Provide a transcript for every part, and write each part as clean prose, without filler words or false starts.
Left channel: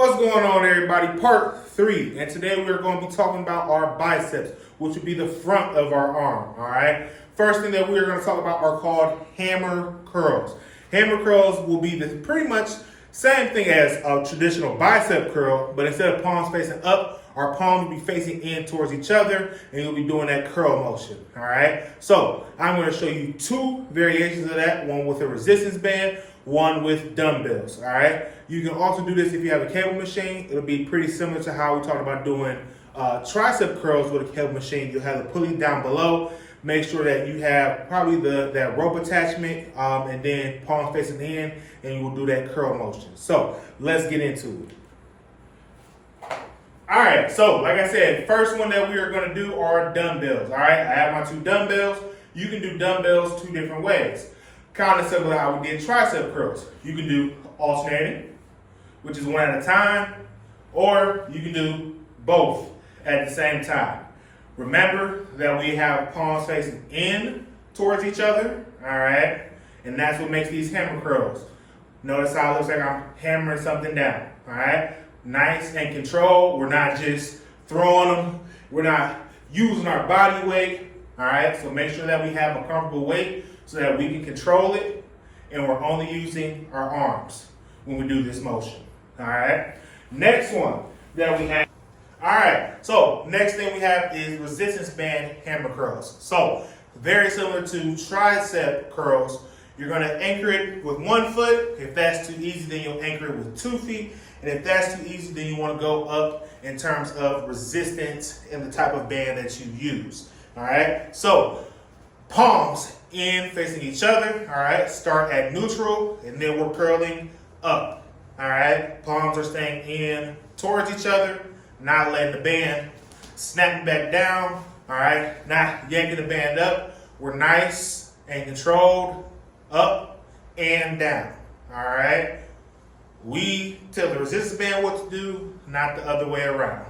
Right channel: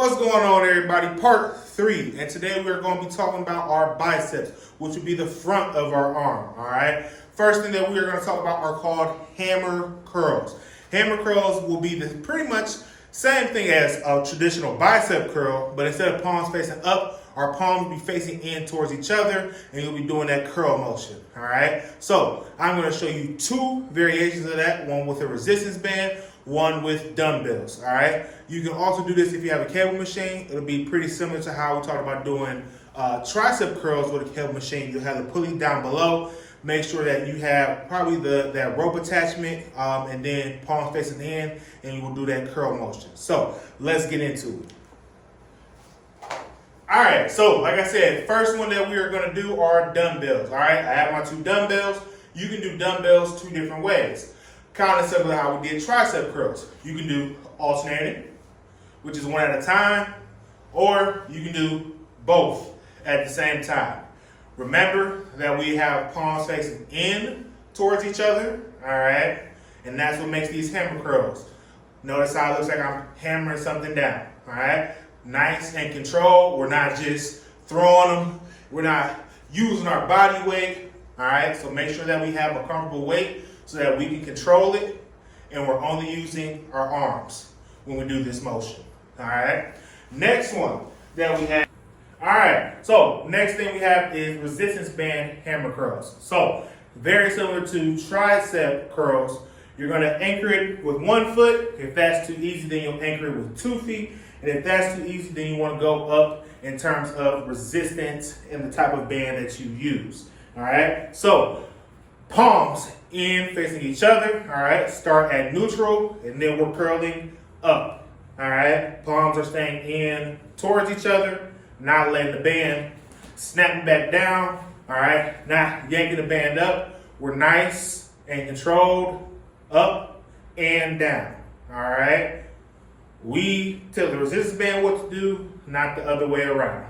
What's going on, everybody? Part 3, and today we're going to be talking about our biceps, which would be the front of our arm, all right? First thing that we're going to talk about are called hammer curls. Hammer curls will be the pretty much same thing as a traditional bicep curl, but instead of palms facing up, our palms will be facing in towards each other, and you'll be doing that curl motion, all right? So I'm going to show you 2 variations of that, one with a resistance band, one with dumbbells, all right? You can also do this if you have a cable machine. It'll be pretty similar to how we talked about doing tricep curls with a cable machine. You'll have the pulley down below. Make sure that you have probably that rope attachment and then palms facing in, and you will do that curl motion. So let's get into it. All right, so like I said, first one that we are going to do are dumbbells, all right? I have my 2 dumbbells. You can do dumbbells 2 different ways. Kind of similar to how we did tricep curls. You can do alternating, which is one at a time, or you can do both at the same time. Remember that we have palms facing in towards each other, all right? And that's what makes these hammer curls. Notice how it looks like I'm hammering something down, all right? Nice and controlled. We're not just throwing them. We're not using our body weight, all right? So make sure that we have a comfortable weight so that we can control it, and we're only using our arms when we do this motion, all right? Next one that we have, all right, so next thing we have is resistance band hammer curls. So very similar to tricep curls, you're gonna anchor it with 1 foot. If that's too easy, then you'll anchor it with 2 feet. And if that's too easy, then you wanna go up in terms of resistance and the type of band that you use, all right? So palms in facing each other, all right? Start at neutral, and then we're curling up, all right? Palms are staying in towards each other, not letting the band snap back down, all right? Not yanking the band up. We're nice and controlled, up and down, all right? We tell the resistance band what to do, not the other way around.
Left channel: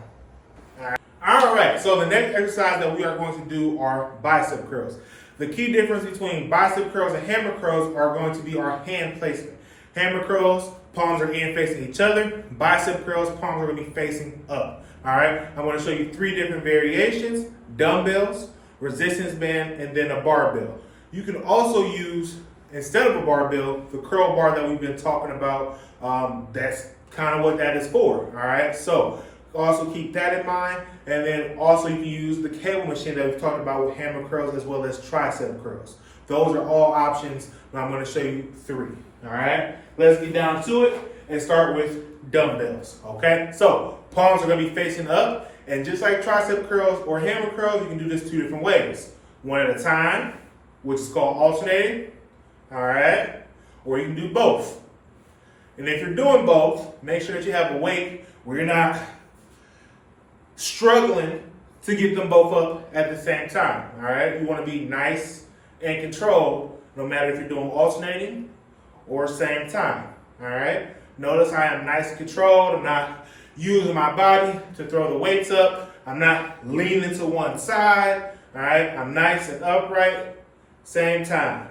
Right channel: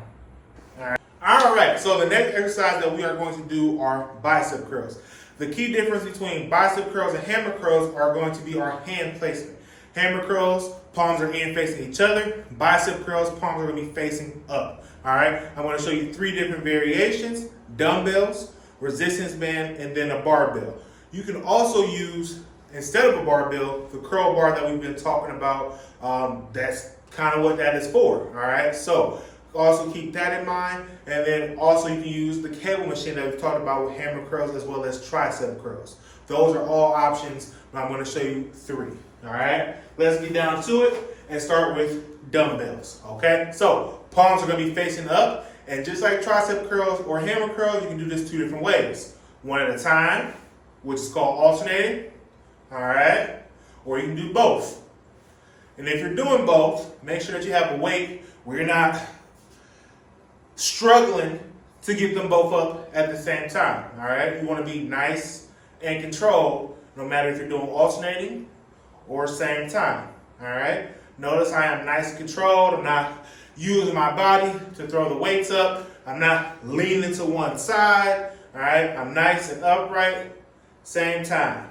All right, so the next exercise that we are going to do are bicep curls. The key difference between bicep curls and hammer curls are going to be our hand placement. Hammer curls, palms are in facing each other. Bicep curls, palms are going to be facing up. All right, I'm going to show you 3 different variations: dumbbells, resistance band, and then a barbell. You can also use, instead of a barbell, the curl bar that we've been talking about. That's kind of what that is for, all right? So also keep that in mind. And then also you can use the cable machine that we've talked about with hammer curls as well as tricep curls. Those are all options, but I'm going to show you 3, all right? Let's get down to it and start with dumbbells, okay? So palms are going to be facing up, and just like tricep curls or hammer curls, you can do this 2 different ways. One at a time, which is called alternating, all right? Or you can do both. And if you're doing both, make sure that you have a weight where you're not struggling to get them both up at the same time, all right? You want to be nice and controlled no matter if you're doing alternating or same time, all right? Notice I am nice and controlled. I'm not using my body to throw the weights up. I'm not leaning to one side, all right? I'm nice and upright, same time,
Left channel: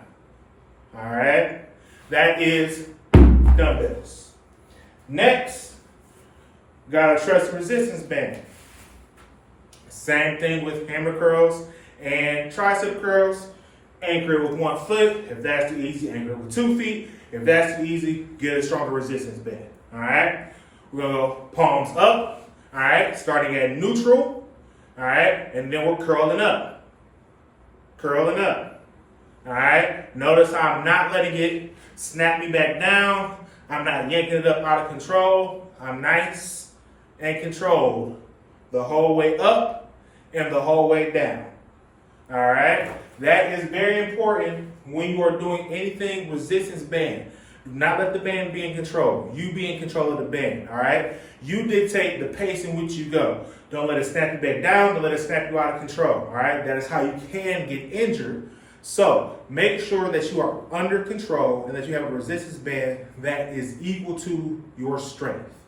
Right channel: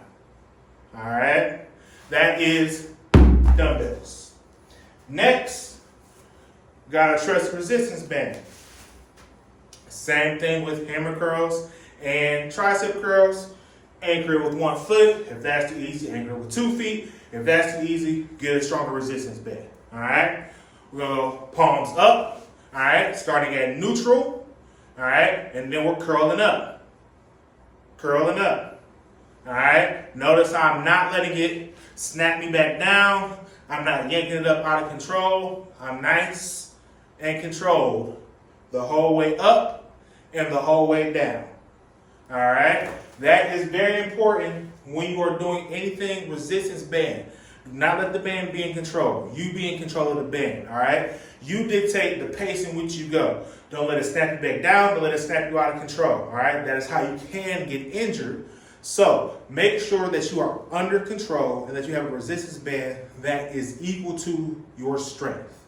all right? That is dumbbells. Next, got a trust resistance band. Same thing with hammer curls and tricep curls. Anchor it with 1 foot. If that's too easy, anchor it with 2 feet. If that's too easy, get a stronger resistance band. All right? We're going to go palms up. All right? Starting at neutral. All right? And then we're curling up. Curling up. All right? Notice how I'm not letting it snap me back down. I'm not yanking it up out of control. I'm nice and controlled the whole way up and the whole way down. All right? That is very important when you are doing anything resistance band. Do not let the band be in control. You be in control of the band, all right? You dictate the pace in which you go. Don't let it snap you back down. Don't let it snap you out of control, all right? That is how you can get injured. So make sure that you are under control and that you have a resistance band that is equal to your strength.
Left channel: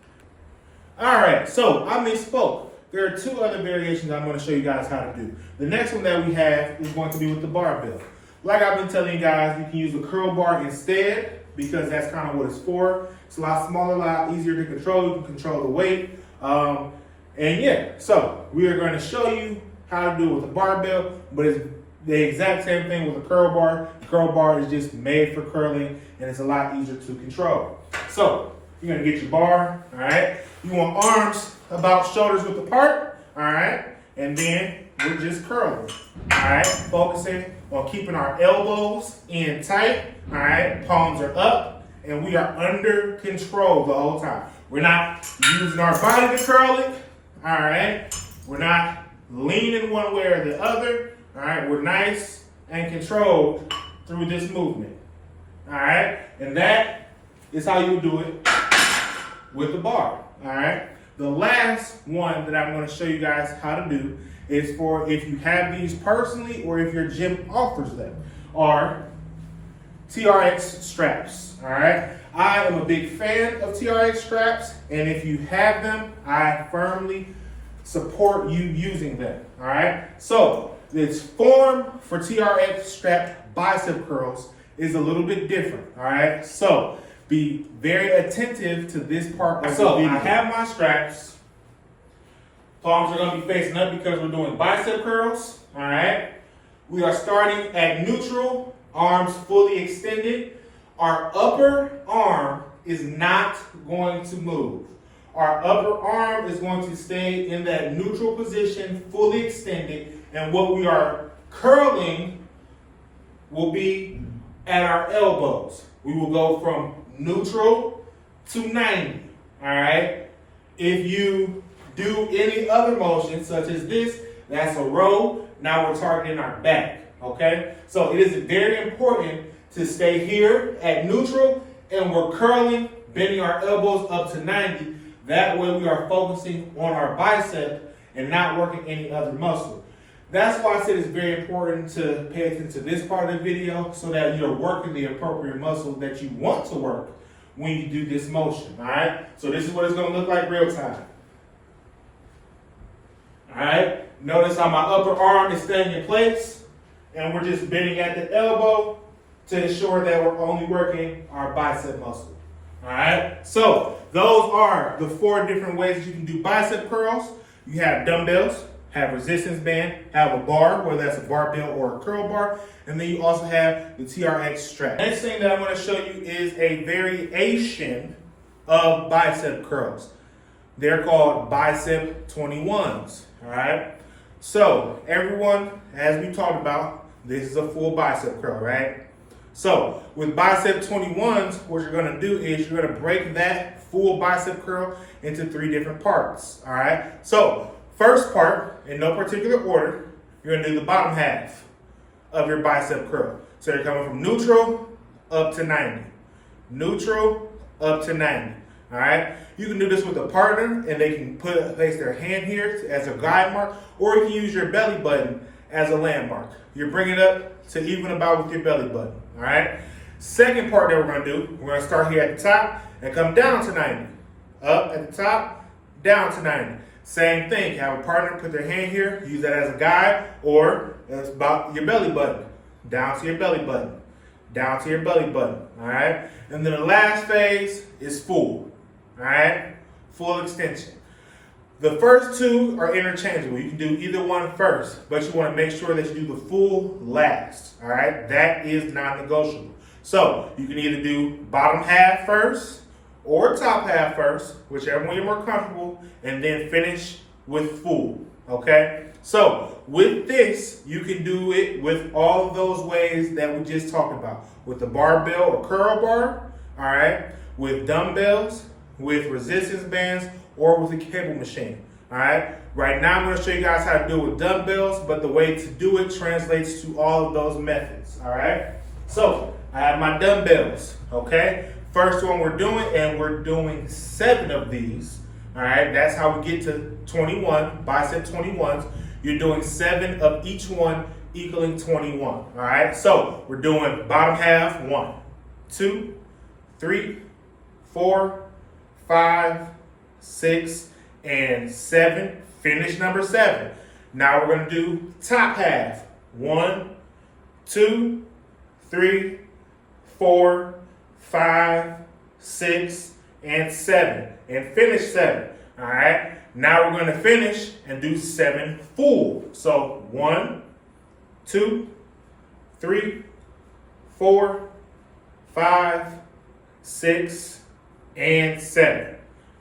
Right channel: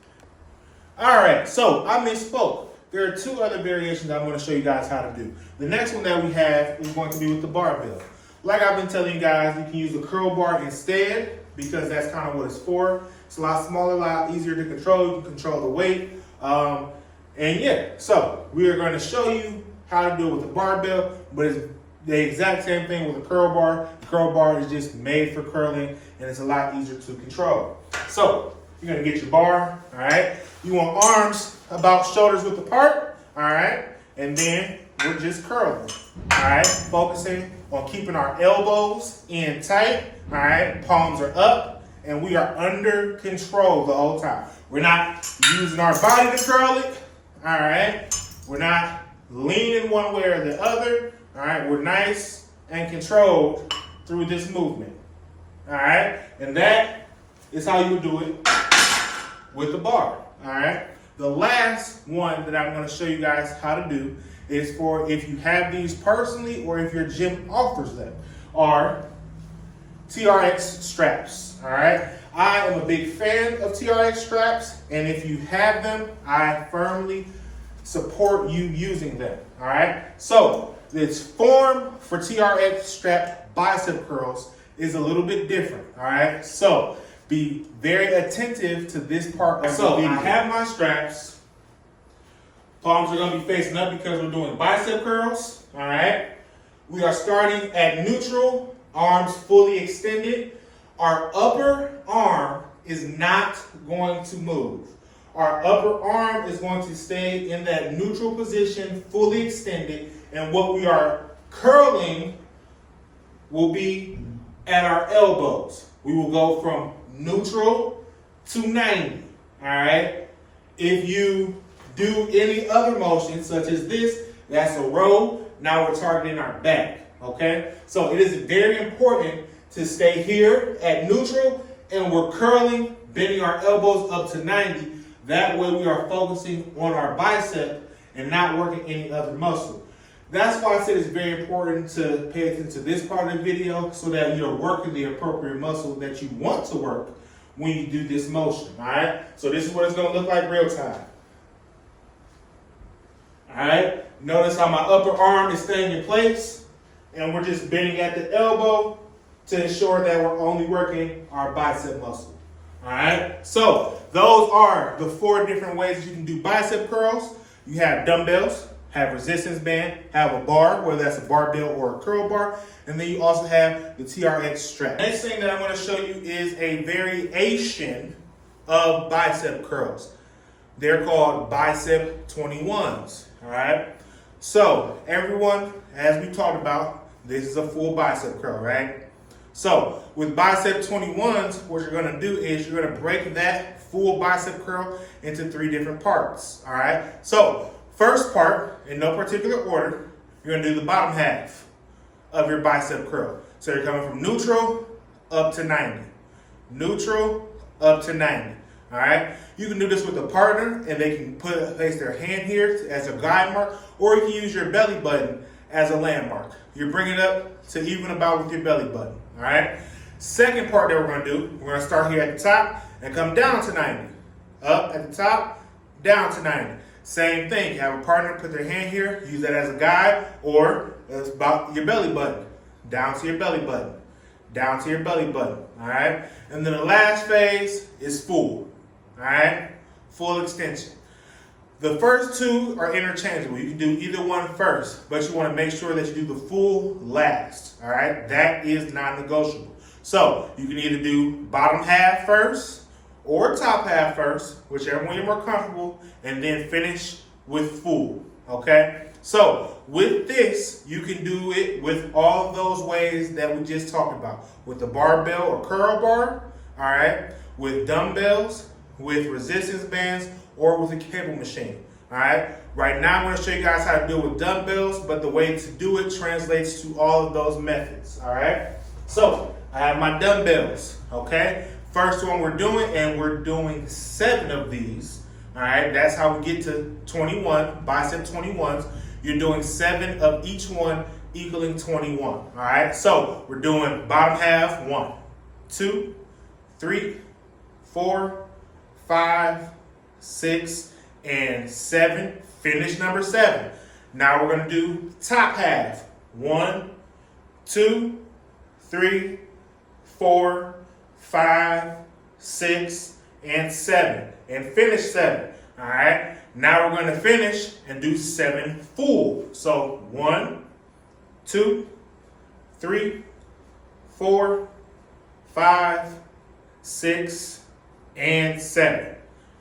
All right, so I misspoke. There are 2 other variations I'm going to show you guys how to do. The next one that we have is going to be with the barbell. Like I've been telling you guys, you can use the curl bar instead, because that's kind of what it's for. It's a lot smaller, a lot easier to control. You can control the weight. And yeah, so we are going to show you how to do it with a barbell, but it's the exact same thing with a curl bar. The curl bar is just made for curling, and it's a lot easier to control. So you're going to get your bar, all right? You want arms about shoulders width apart, all right? And then we're just curling, all right? Focusing on keeping our elbows in tight, all right? Palms are up, and we are under control the whole time. We're not using our body to curl it, all right? We're not leaning one way or the other, all right? We're nice and controlled through this movement, all right? And that is how you do it with the bar, all right? The last one that I'm going to show you guys how to do is for if you have these personally or if your gym offers them, are TRX straps, all right? I am a big fan of TRX straps, and if you have them, I firmly support you using them, all right? So this form for TRX strap bicep curls is a little bit different, all right? So be very attentive to this part of the video. I have my straps. Palms are going to be facing up because we're doing bicep curls, all right? We are starting at neutral, arms fully extended. Our upper arm is not going to move. Our upper arm is going to stay in that neutral position, fully extended, and what we are curling will be at our elbows. We will go from neutral to 90, all right? If you do any other motion, such as this, that's a row. Now we're targeting our back, okay? So it is very important to stay here at neutral, and we're curling, bending our elbows up to 90. That way we are focusing on our bicep and not working any other muscle. That's why I said it's very important to pay attention to this part of the video so that you're working the appropriate muscle that you want to work when you do this motion, all right? So this is what it's gonna look like real time. All right, notice how my upper arm is staying in place, and we're just bending at the elbow to ensure that we're only working our bicep muscle. All right, so those are the 4 different ways that you can do bicep curls. You have dumbbells, have resistance band, have a bar, whether that's a barbell or a curl bar, and then you also have the TRX strap. Next thing that I'm going to show you is a variation of bicep curls. They're called bicep 21s, all right? So everyone, as we talked about, this is a full bicep curl, right? So with bicep 21s, what you're gonna do is you're gonna break that full bicep curl into 3 different parts, all right? So first part, in no particular order, you're gonna do the bottom half of your bicep curl. So you're coming from neutral up to 90. Neutral up to 90, all right? You can do this with a partner, and they can place their hand here as a guide mark, or you can use your belly button as a landmark. You're bringing it up to even about with your belly button, all right? Second part that we're gonna do, we're gonna start here at the top and come down to 90. Up at the top, down to 90. Same thing, you have a partner, put their hand here, use that as a guide, or it's about your belly button. Down to your belly button, down to your belly button, all right? And then the last phase is full, all right? Full extension. The first 2 are interchangeable. You can do either one first, but you want to make sure that you do the full last, all right? That is non-negotiable. So you can either do bottom half first or top half first, whichever one you're more comfortable, and then finish with full, okay? So with this, you can do it with all of those ways that we just talked about, with the barbell or curl bar, all right? With dumbbells, with resistance bands, or with a cable machine, all right? Right now, I'm gonna show you guys how to do it with dumbbells, but the way to do it translates to all of those methods, all right? So, I have my dumbbells, okay? First one we're doing, and we're doing 7 of these, all right? That's how we get to 21, bicep 21s. You're doing 7 of each one, equaling 21, all right? So, we're doing bottom half, 1, 2, 3, 4, 5, 6, and 7. Finish number 7. Now we're going to do top half. 1, 2, 3, 4, 5, 6, and 7. And finish 7. All right. Now we're going to finish and do 7 full. So 1, 2, 3, 4, 5, 6, and 7.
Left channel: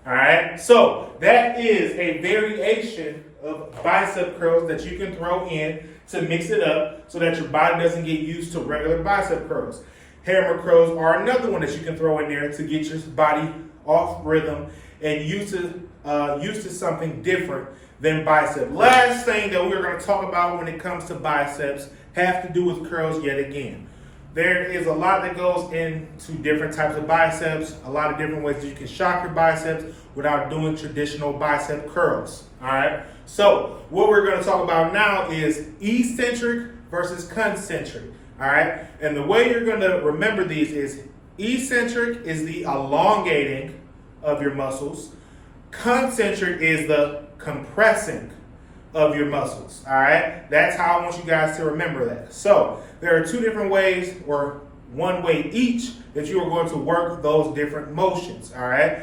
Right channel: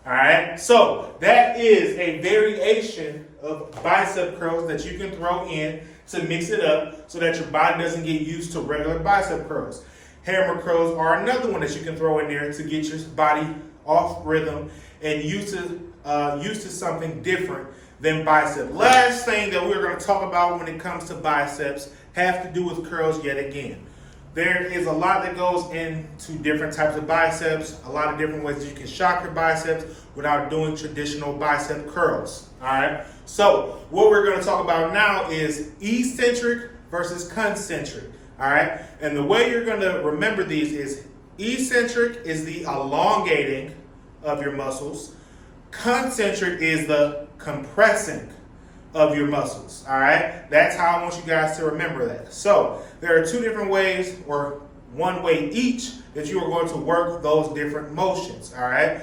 All right. So that is a variation of bicep curls that you can throw in to mix it up so that your body doesn't get used to regular bicep curls. Hammer curls are another one that you can throw in there to get your body off rhythm and used to something different than bicep. Last thing that we're going to talk about when it comes to biceps have to do with curls yet again. There is a lot that goes into different types of biceps, a lot of different ways that you can shock your biceps without doing traditional bicep curls. All right. So what we're going to talk about now is eccentric versus concentric. All right. And the way you're going to remember these is eccentric is the elongating of your muscles. Concentric is the compressing of your muscles. All right. That's how I want you guys to remember that. So there are 2 different ways, or 1 way each, that you are going to work those different motions. All right.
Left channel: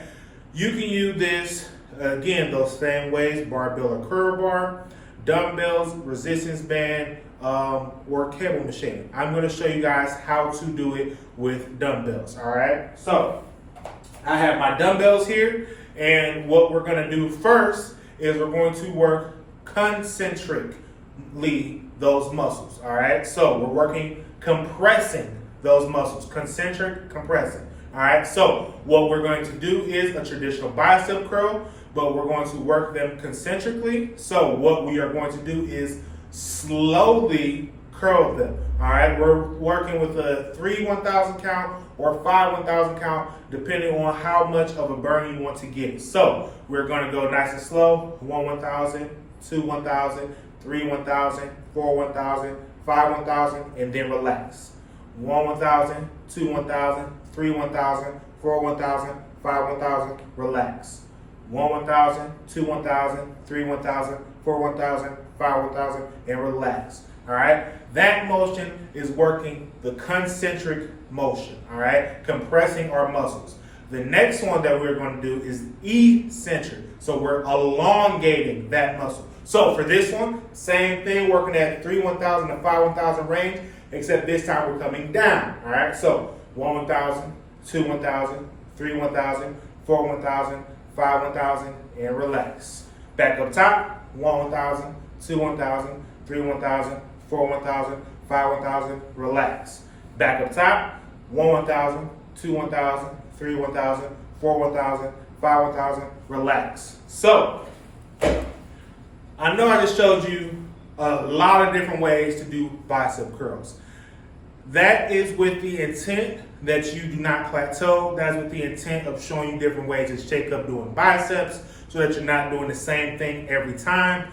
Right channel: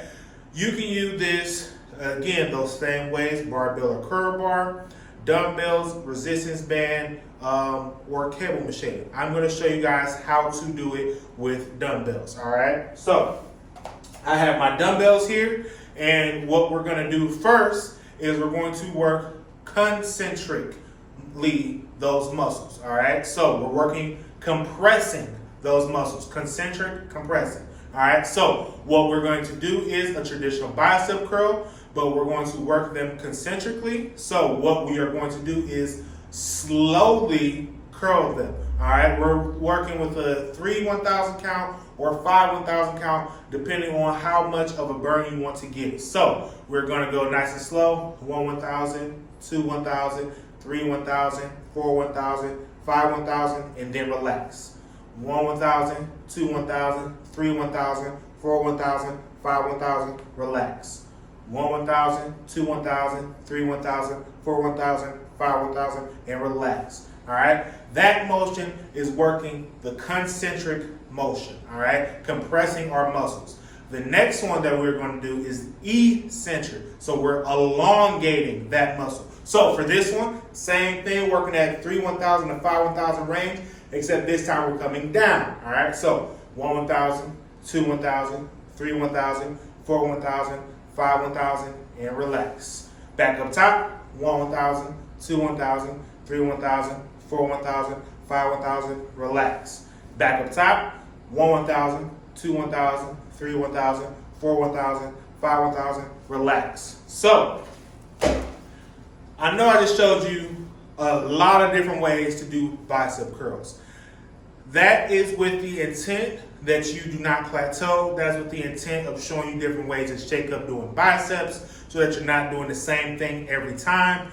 You can use this, again, those same ways: barbell or curl bar, dumbbells, resistance band, or cable machine. I'm going to show you guys how to do it with dumbbells. All right. So I have my dumbbells here, and what we're going to do first is we're going to work concentrically those muscles. All right. So we're working compressing those muscles. Concentric, compressing. All right. So what we're going to do is a traditional bicep curl, but we're going to work them concentrically. So what we are going to do is slowly curl them. All right. We're working with a 3 1,000 count or 5 1,000 count, depending on how much of a burn you want to get. So we're going to go nice and slow: 1 1,000, 2 1,000, 3 1,000, 4 1,000, 5 1,000, and then relax. 1 1,000, 2 1,000, 3 1,000, 4 1,000, 5 1,000, relax. 1 1,000, 2 1,000, 3 1,000, 4 1,000, 5 1,000, and relax. All right. That motion is working the concentric motion. All right. Compressing our muscles. The next one that we're going to do is eccentric. So we're elongating that muscle. So for this one, same thing, working at 3 1,000 to 5 1,000 range, except this time we're coming down. All right. So 1 1,000, 2 1,000, 3 1,000, 4 1,000, 5 1,000, and relax. Back up top: 1 1,000, 2 1,000, 3 1,000, 4 1,000, 5 1,000, relax. Back up top: 1 1,000, 2 1,000, 3 1,000, 4 1,000, 5 1,000, relax. So I know I just showed you a lot of different ways to do bicep curls. That is with the intent that you do not plateau. That's with the intent of showing you different ways to shake up doing biceps so that you're not doing the same thing every time.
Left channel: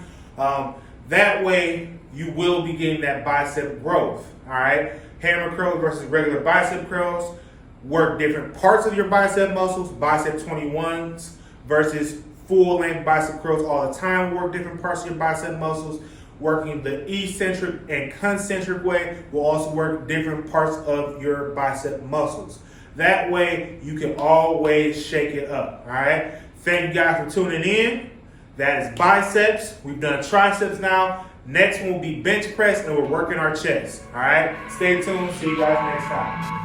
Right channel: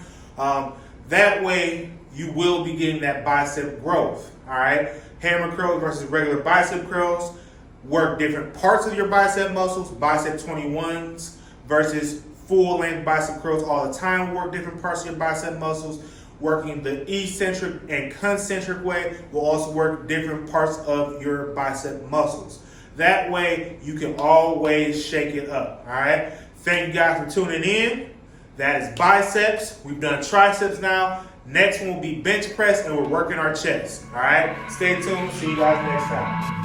That way you will be getting that bicep growth. All right. Hammer curls versus regular bicep curls work different parts of your bicep muscles. Bicep 21s versus full length bicep curls all the time work different parts of your bicep muscles. Working the eccentric and concentric way will also work different parts of your bicep muscles. That way you can always shake it up. All right. Thank you guys for tuning in. That is biceps. We've done triceps now. Next one will be bench press, and we're working our chest. All right. Stay tuned. See you guys next time.